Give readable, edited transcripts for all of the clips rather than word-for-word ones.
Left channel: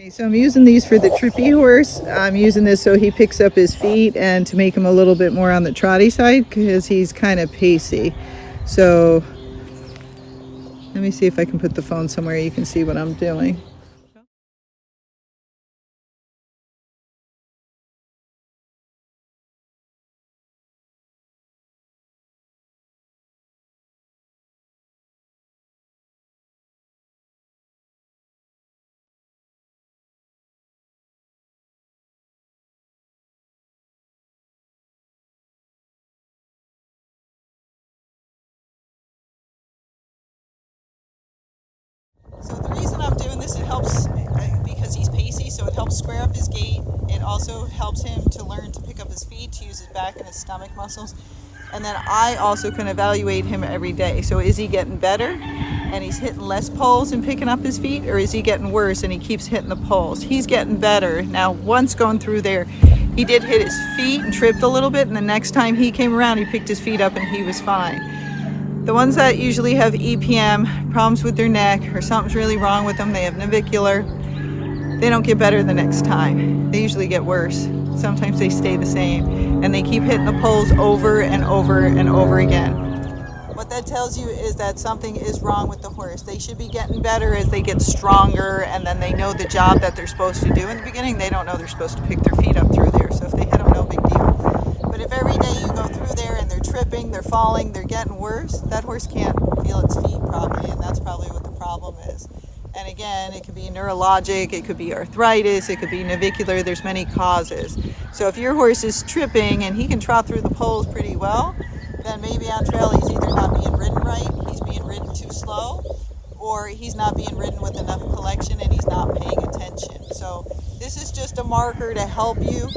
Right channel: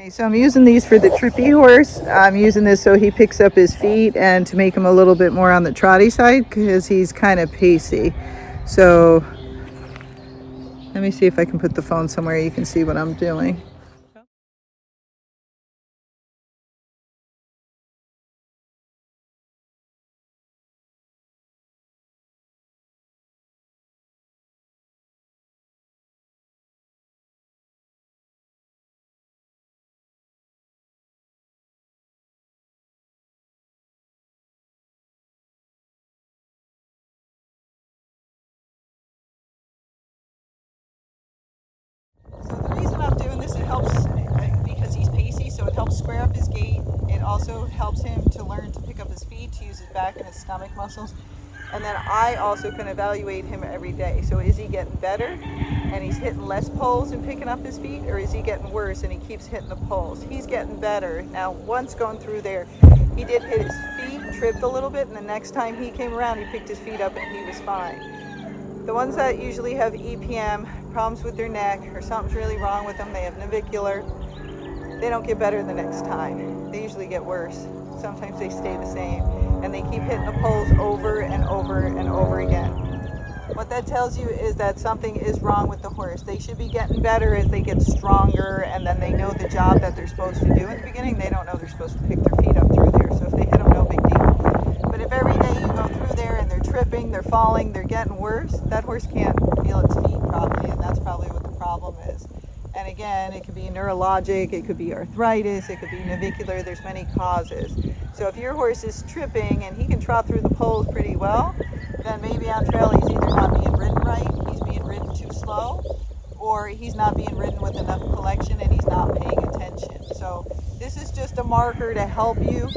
Okay, so I'm using these for the trippy horse. I'm using this so he picks up his feet and to make him a little bit more on the trotty side because he's kind of pacey. So let me see if I can put the phone somewhere you can see what I'm doing. So the reason I'm doing this, it helps because he's pacey, so it helps square up his gait. It also helps him to learn to pick up his feet, to use his back and his stomach muscles. And then I also can evaluate him every day. So is he getting better and he's hitting less poles and picking up his feet, or is he getting worse and he keeps hitting the poles? He's getting better. Now, once going through there, he did hit his feet and tripped a little bit, and the next time he came around, he picked his feet up and he was fine. The ones that usually have EPM, problems with their neck, or something's really wrong with them, they have navicular, they don't get better the next time. They usually get worse. Sometimes they stay the same, and they keep hitting the poles over and over and over again. What that tells you is that something is wrong with the horse. They should be getting better as they get stronger, and then they know the job that they're supposed to do. In the beginning, they don't know they're supposed to pick their feet up through there, so if they hit them, no big deal. But if every day you go through there and they're tripping, they're falling, they're getting worse, that horse can't feel its feet properly, and that's probably what the problem is. And again, it could be neurologic, it could be arthritis, it could be navicular, there's many causes. So if your horse is tripping and he can trot through the poles pretty well, then maybe on trail he's either not being ridden right, he's being ridden too slow, or he's not being ridden with enough collection and he's not paying attention. So this is just a marker to help you.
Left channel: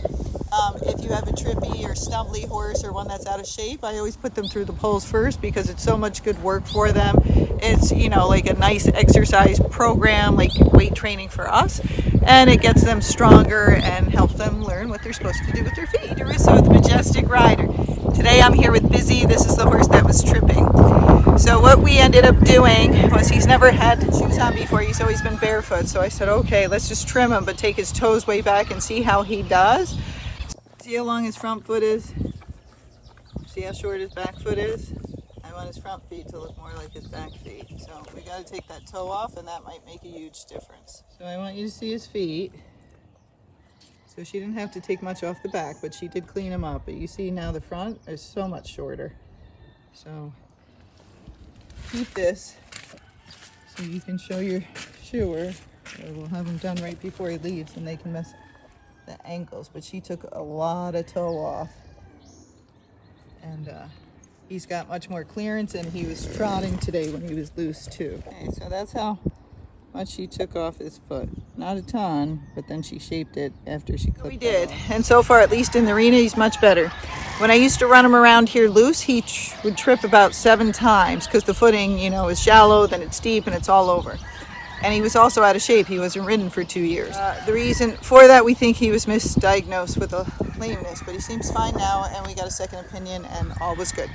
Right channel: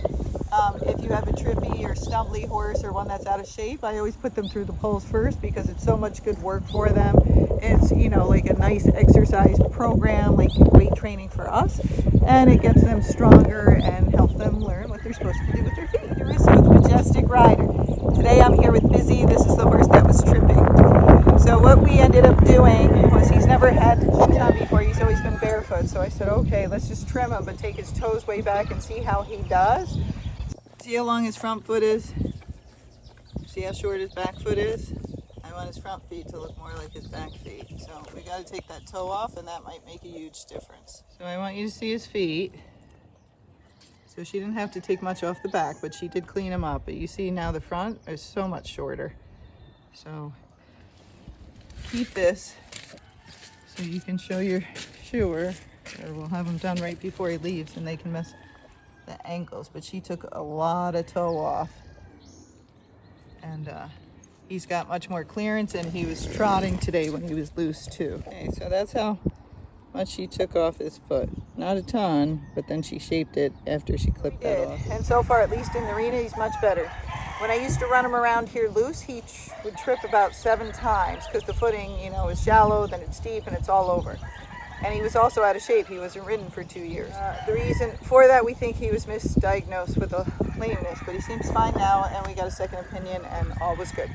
If you have a trippy or stumbly horse or one that's out of shape, I always put them through the poles first because it's so much good work for them. It's, you know, like a nice exercise program, like weight training for us, and it gets them stronger and helps them learn what they're supposed to do with their feet. DeRusso, the Majestic rider. Today I'm here with Bizzy. This is the horse that was tripping. So what we ended up doing was he's never had shoes on before. He's always been barefoot. So I said, okay, let's just trim him, but take his toes way back and see how he does. See how long his front foot is? See how short his back foot is? I want his front feet to look more like his back feet. So we got to take that toe off, and that might make a huge difference. So I want you to see his feet. So she didn't have to take much off the back, but she did clean them up. But you see now the front is so much shorter. So keep this so you can show your shoer, or we'll have him done right before he leaves and they can mess the ankles. But she took a lot of toe off, and he's got much more clearance, and he was trotting today when he was loose too. Okay, so that's how much she took off his foot. Not a ton, but then she shaped it after she clipped it off. And so far, at least in the arena, he's much better. When I used to run him around here loose, he would trip about 7 times because the footing, you know, is shallow, then it's steep, and it's all over. And he was also out of shape. He wasn't ridden for 2 years. The reason for that, we think he was misdiagnosed with a lameness, but he seems fine now, and we got a second opinion, and all was good.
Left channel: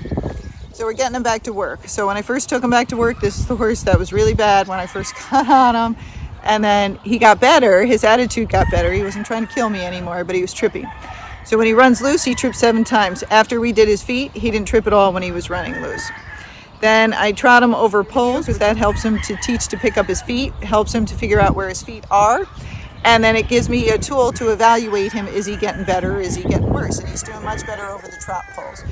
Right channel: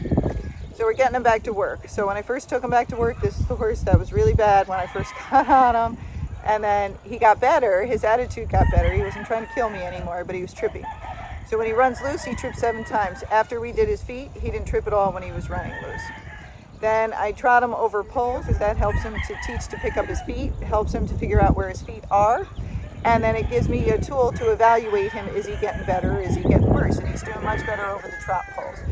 So we're getting him back to work. So when I first took him back to work, this is the horse that was really bad when I first got on him. And then he got better. His attitude got better. He wasn't trying to kill me anymore, but he was tripping. So when he runs loose, he tripped 7 times. After we did his feet, he didn't trip at all when he was running loose. Then I trot him over poles because that helps him to teach to pick up his feet, helps him to figure out where his feet are. And then it gives me a tool to evaluate him. Is he getting better? Is he getting worse? And he's doing much better over the trot poles.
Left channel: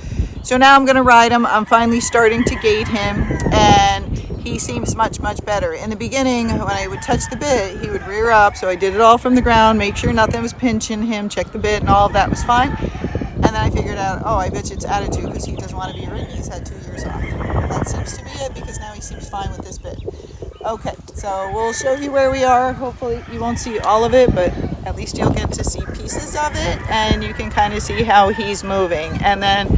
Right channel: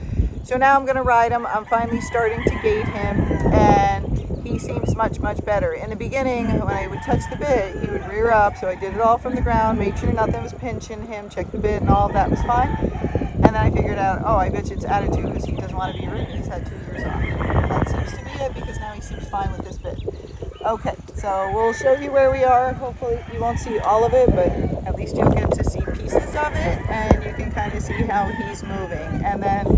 So now I'm going to ride him. I'm finally starting to gait him, and he seems much, much better. In the beginning, when I would touch the bit, he would rear up. So I did it all from the ground, make sure nothing was pinching him, check the bit, and all of that was fine. And then I figured out, oh, I bet you it's attitude because he doesn't want to be ridden. He's had 2 years off. That seems to be it because now he seems fine with this bit. Okay, so we'll show you where we are. Hopefully you won't see all of it, but at least you'll get to see pieces of it, and you can kind of see how he's moving. And then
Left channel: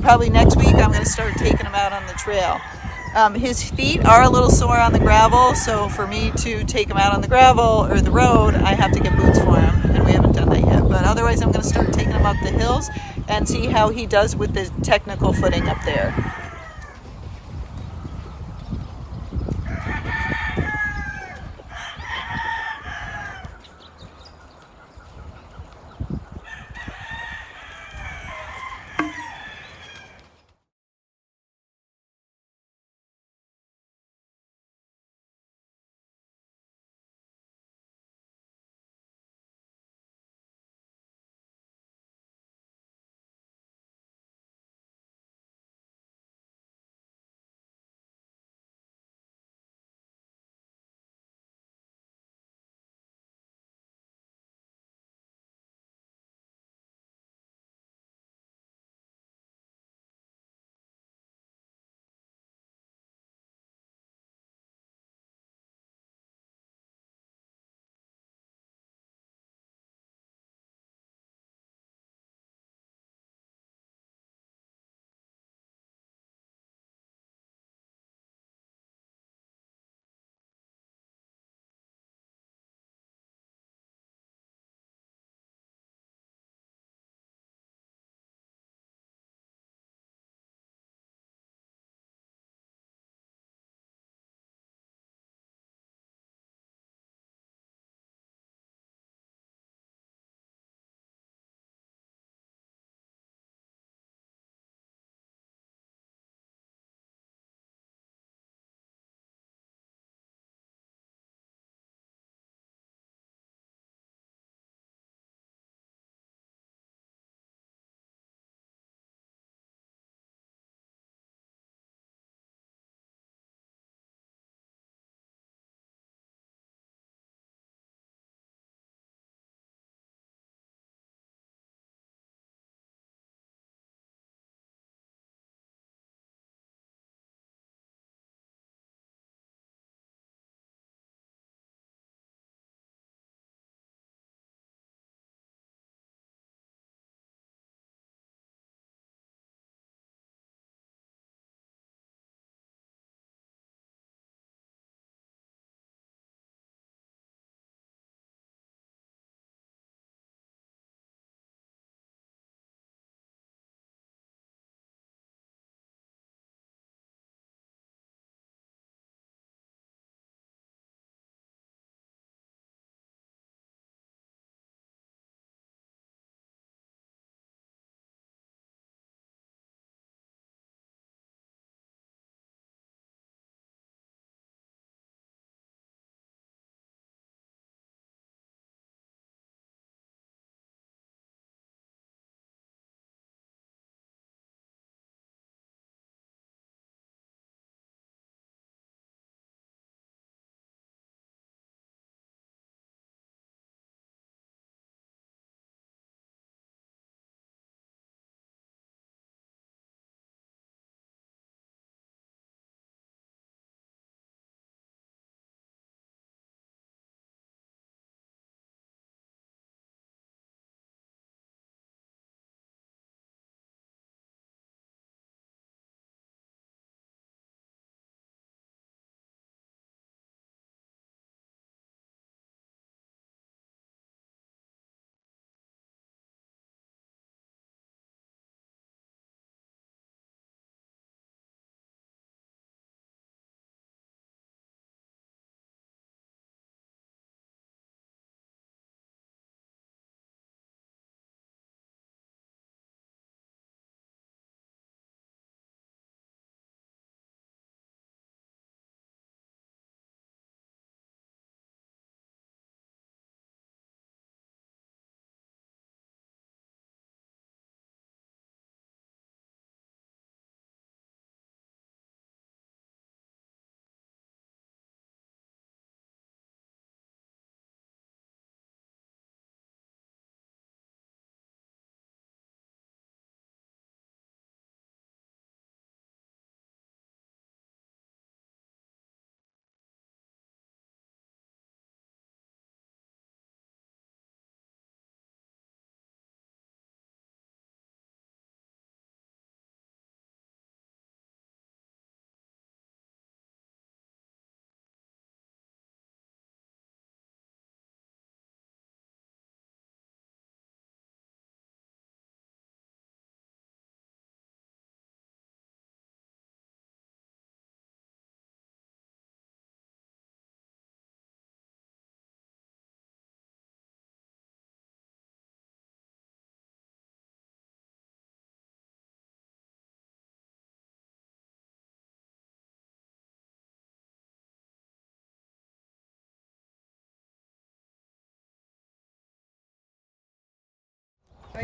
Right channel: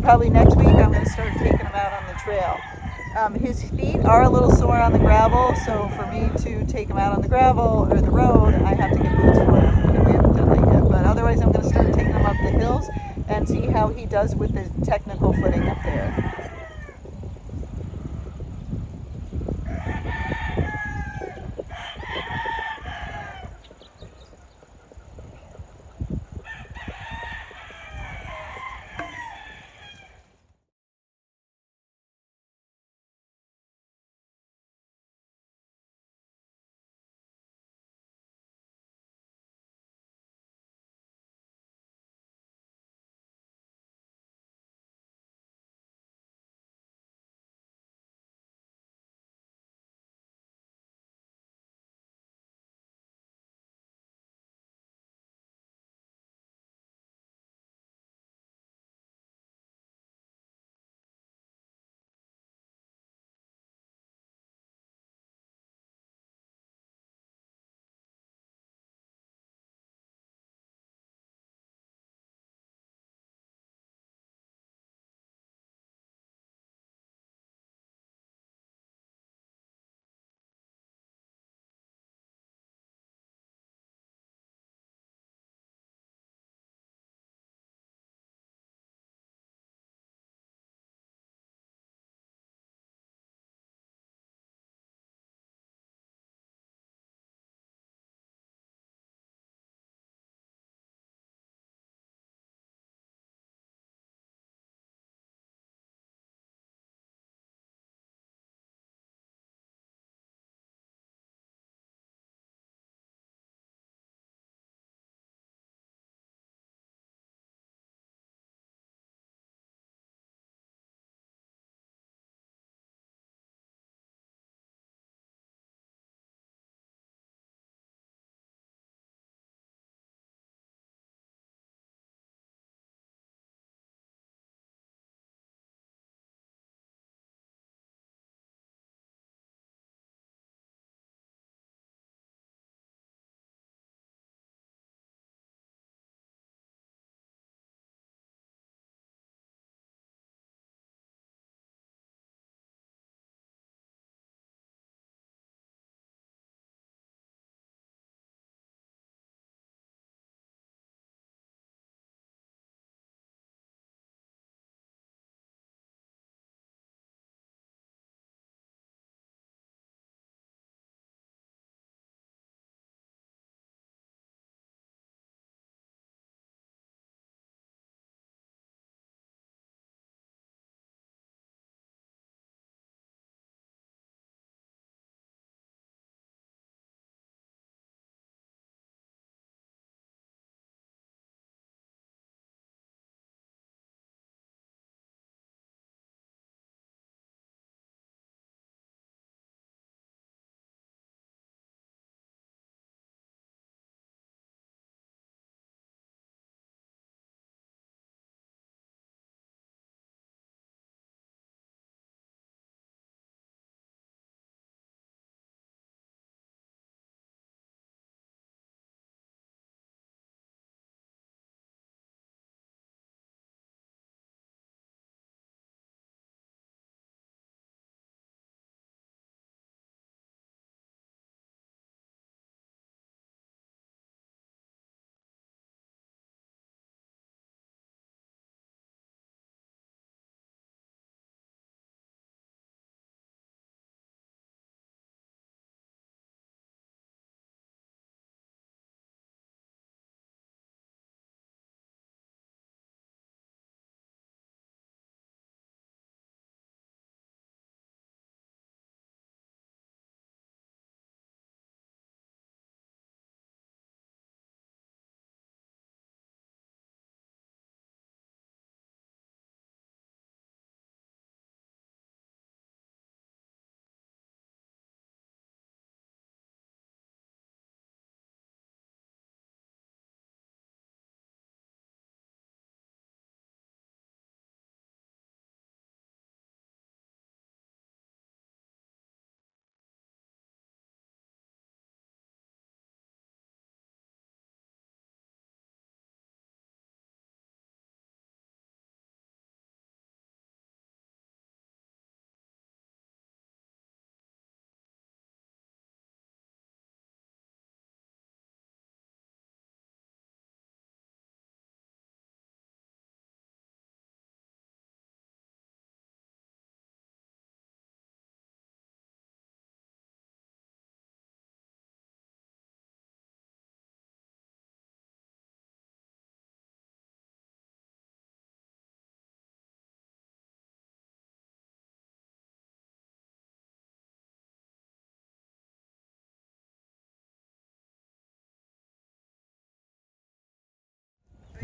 probably next week I'm going to start taking him out on the trail. His feet are a little sore on the gravel, so for me to take him out on the gravel or the road, I have to get boots for him, and we haven't done that yet. But otherwise I'm going to start taking him up the hills and see how he does with the technical footing up there.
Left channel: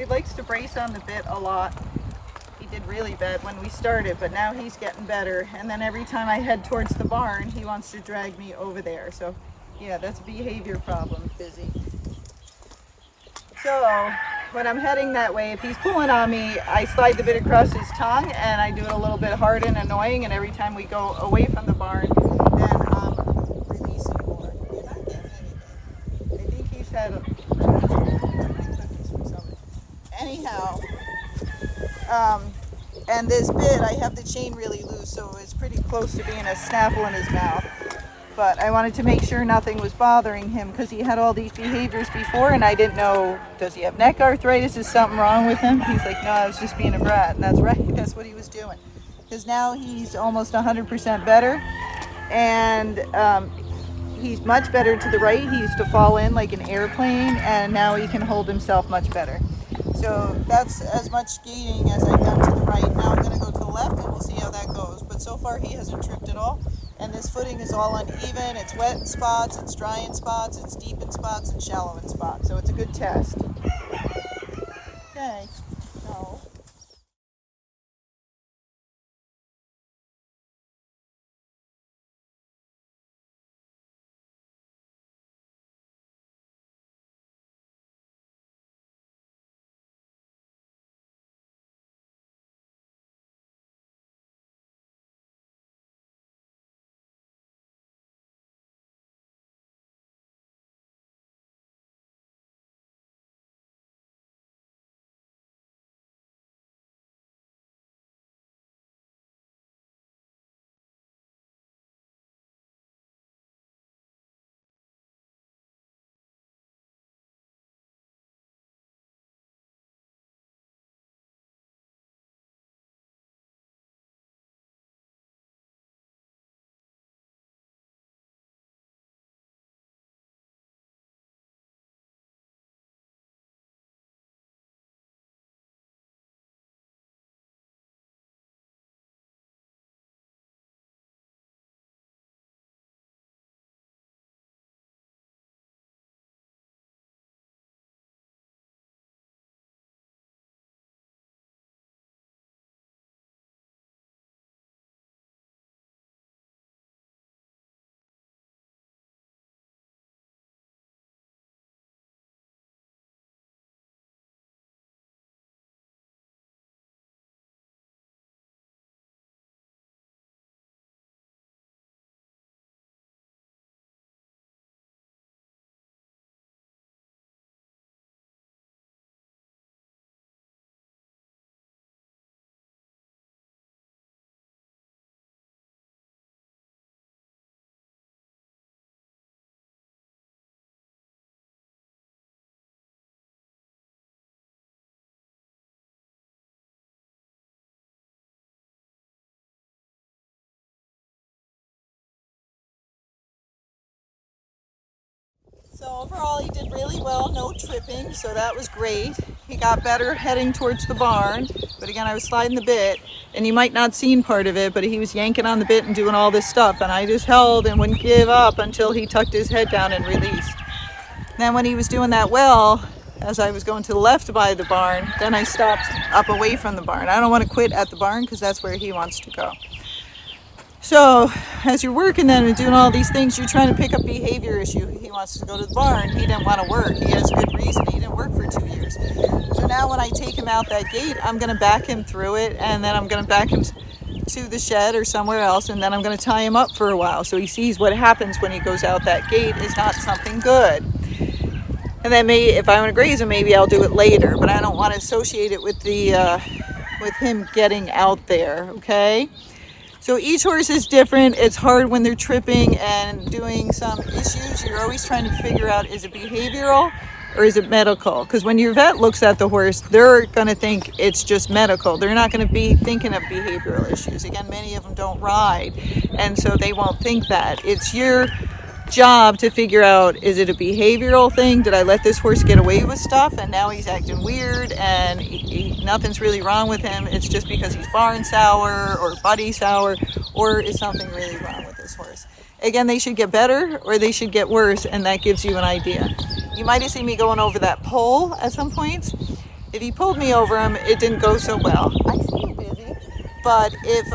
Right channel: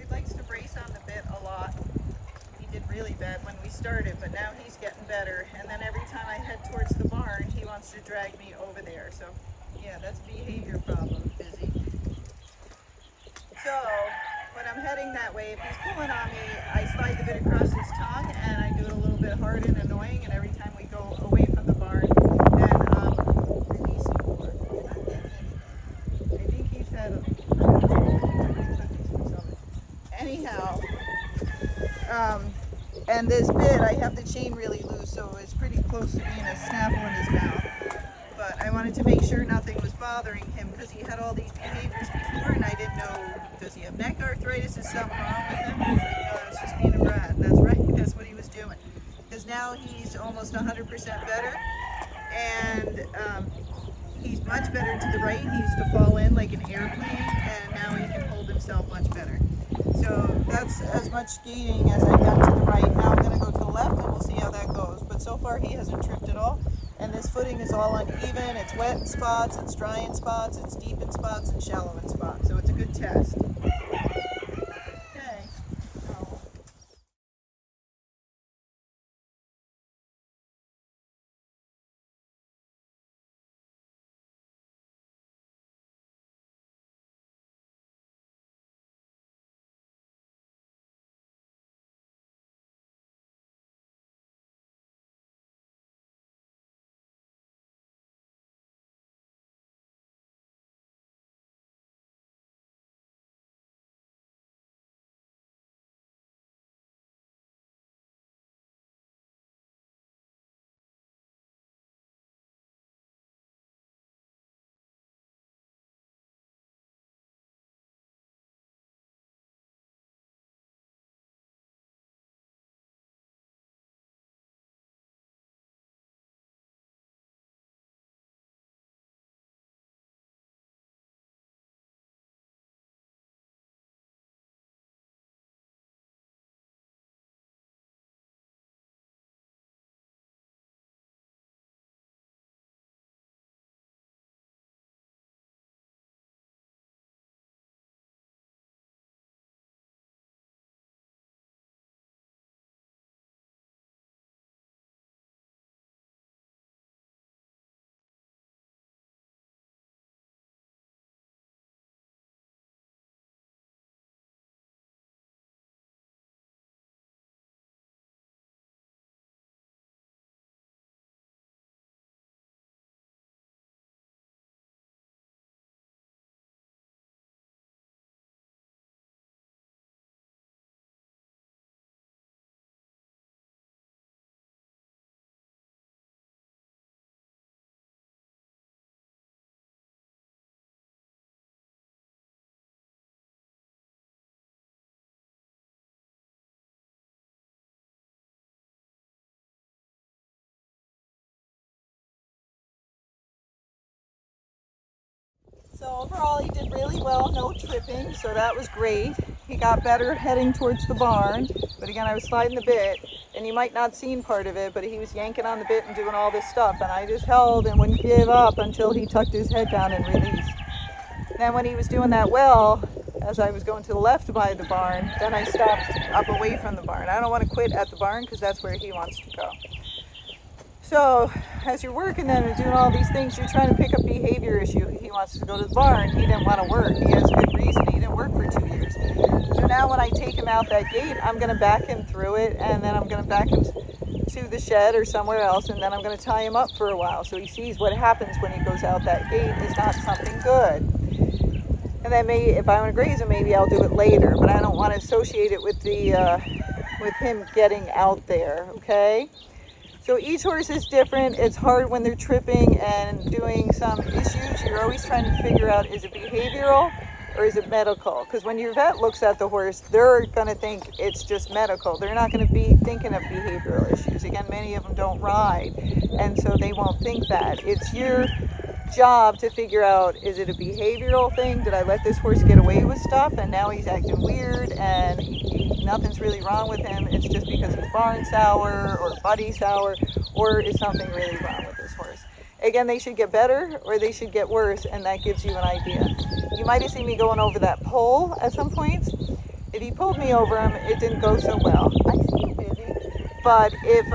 he likes to brace on the bit a lot. He did really bad when we started, but now he's getting better. And then every time I head towards the barn, he wants to drag me over there. So yeah, that's a behavior problem, Bizzy. So when I'm heading that way, if he's pulling on me, I slide the bit across his tongue and I do it a little bit hard and annoying. And every time we go away from the barn, then he's more. And I get anything. I think he's had anyhow. And this bit, I have the chain really loose, so it's pretty close to being a snaffle in his mouth. But I wanted to make sure nothing was bothering him because he had all these behaviors before and I didn't know, does he have neck arthritis? Is something wrong with him? He's like, no, I was just being a brat. And that's right, that's what he was doing. Because now he's almost 100% better and he's much better to the right. He used to fall in like an airplane and now he can hold himself much better. So that's as much gaiting as I've done to the right. Now I'm going to go to the left and we'll see how that goes. But so far he hasn't tripped at all. And this footing is all uneven. It's wet in spots, it's dry in spots, it's deep in spots, and shallow in spots. So it's a good test. Okay. So. So overall he did really well, no tripping, so that was great. He got better heading towards the barn, but again I was sliding the bit and you might not seen part of it, but he was yanking on the bit and doing all this stuff and I just held and wouldn't give up until he tucked his head down and released. Then when he was doing that well, as I was going to the left by the barn, then I stopped up away from the barn. I don't want to quit at the barn because that's where he wants to go. So as you're working then and doing all these things, you're trying to pick up behavior issue. He wants to go to the barn. He didn't want to work. He has good reason. He didn't work for 2 years. So now when I take him out that gate, I'm going to back him through it and then I'm going to back him to the shed or somewhere else and then I'm going to tie him up for a while so he sees what happens when he goes out that gate is not something good. And then maybe if I want to graze him, maybe I'll do it later, but I don't want to associate it with the with him getting out there, okay? So each horse is different. It's hard when they're tripping and doing some issues. You're always trying to figure out, is it behavioral or is it medical? Because when your vet looks at the horse, they're going to think it's just medical. They're not going to be thinking of behavioral issues. Again, many of them don't ride, and so they won't think that. It's your job to figure out, is it a behavioral thing? Did I let this horse get away with stuff and now he's acting weird and nothing's really wrong with him? It's just because he's barn sour or buddy sour, or is something really wrong with this horse? Again, they should get better or they should get worse, and that gives you an idea. You might have seen me going over that pole at some points, If he pulled me over him, it didn't go so well. I see you, Bizzy. But if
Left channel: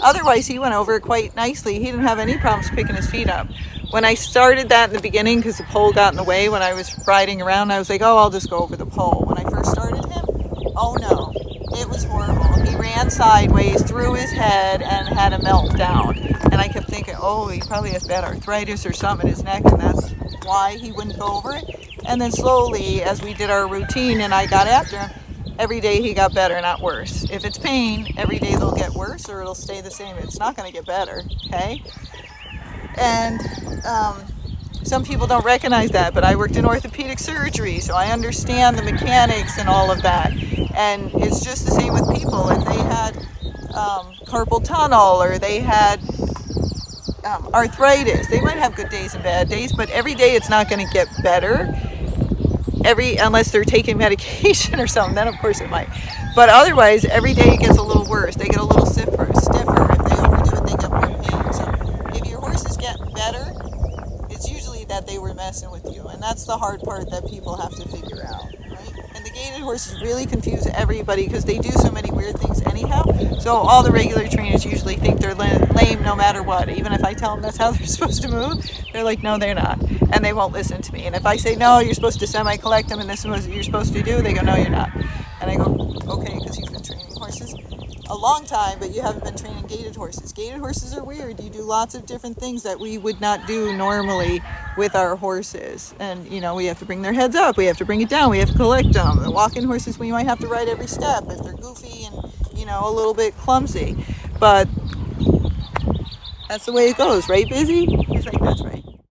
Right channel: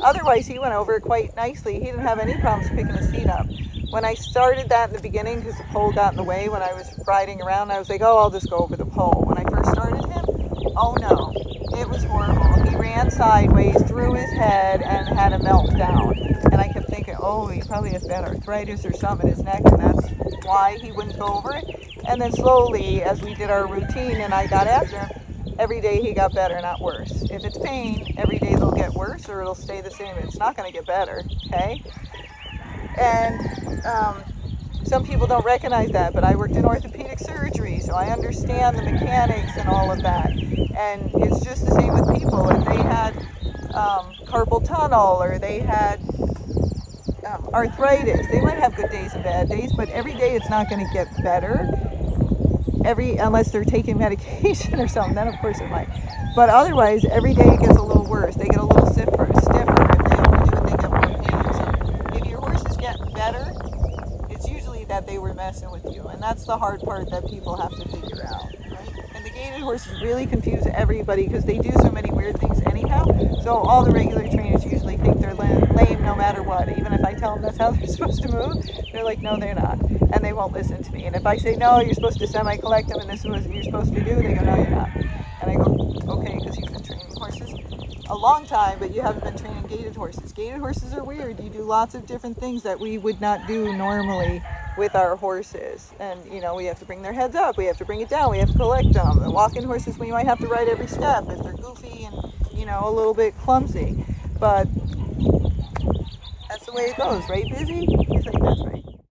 otherwise, he went over quite nicely. He didn't have any problems picking his feet up. When I started that in the beginning, because the pole got in the way when I was riding around, I was like, oh, I'll just go over the pole. When I first started him, oh no, it was horrible. He ran sideways, threw his head, and had a meltdown. And I kept thinking, oh, he probably has bad arthritis or something in his neck, and that's why he wouldn't go over it. And then slowly, as we did our routine and I got after him, every day he got better, not worse. If it's pain, every day they'll get worse or it'll stay the same. It's not going to get better, okay? And some people don't recognize that, but I worked in orthopedic surgery, so I understand the mechanics and all of that. And it's just the same with people. If they had carpal tunnel or they had arthritis, they might have good days and bad days, but every day it's not going to get better. Unless they're taking medication or something, then of course it might. But otherwise, every day it gets a little worse. They get a little stiffer. If they overdo it, they get more pain. So if your horse is getting better, it's usually that they were messing with you. And that's the hard part that people have to figure out, right? And the gaited horses really confuse everybody because they do so many weird things anyhow. So all the regular trainers usually think they're lame no matter what. Even if I tell them that's how they're supposed to move, they're like, no, they're not. And they won't listen to me. And if I say, no, you're supposed to semi-collect them and this is what you're supposed to do, they go, no, you're not. And I go, okay, because you've been training horses a long time, but you haven't been training gaited horses. Gaited horses are weird. You do lots of different things that we would not do normally with our horses. And, you know, we have to bring their heads up. We have to bring it down. We have to collect them. The walk-in horses, we might have to ride every step if they're goofy and, you know, a little bit clumsy. But that's the way it goes, right, Bizzy? He's like, that's right.